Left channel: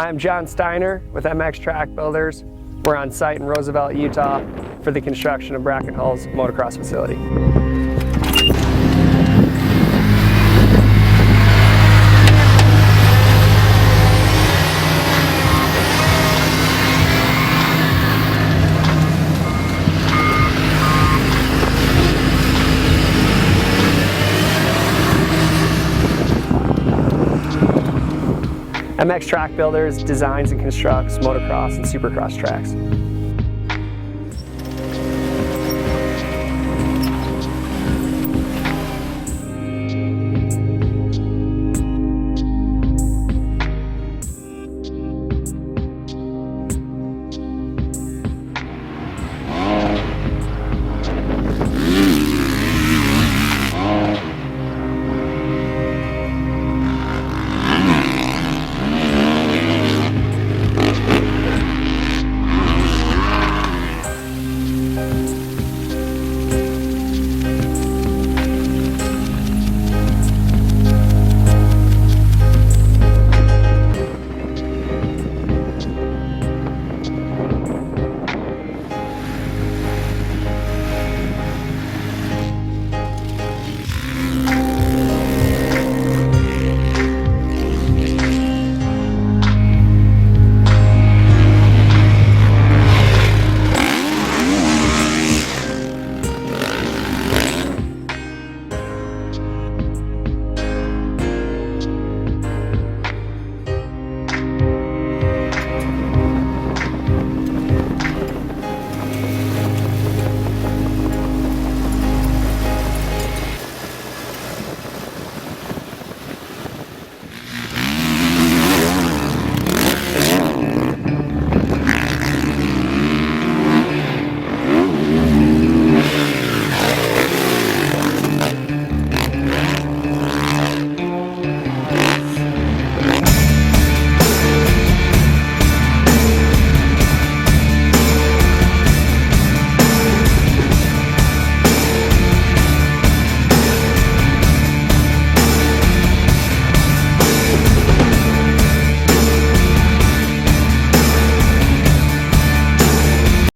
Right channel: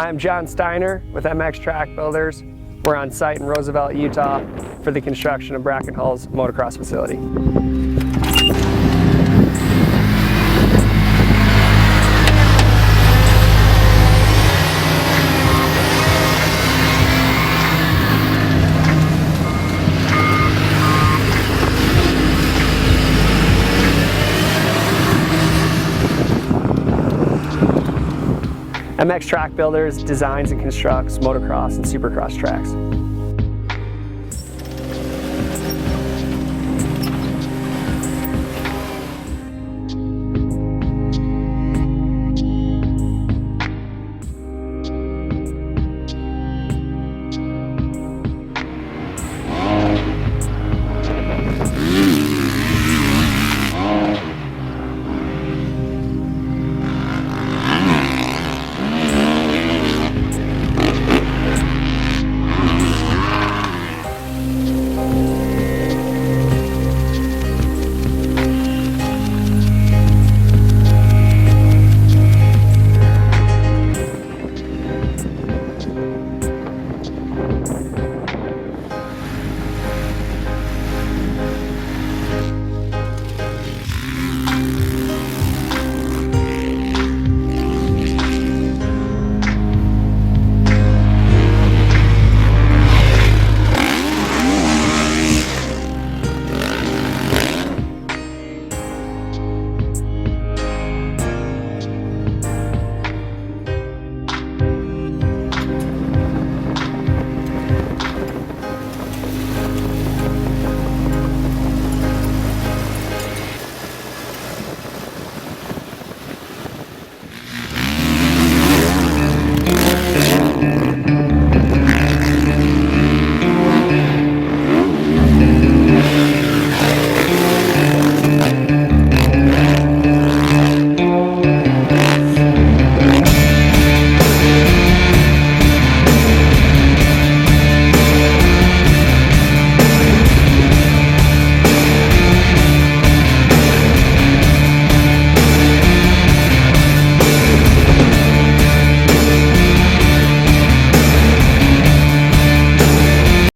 I'm John Steiner with MX Track Builders. We're on site in Roosevelt, Utah for the construction of Brackenhall's motocross facility. MX Track Builders designs and constructs motocross and supercross tracks.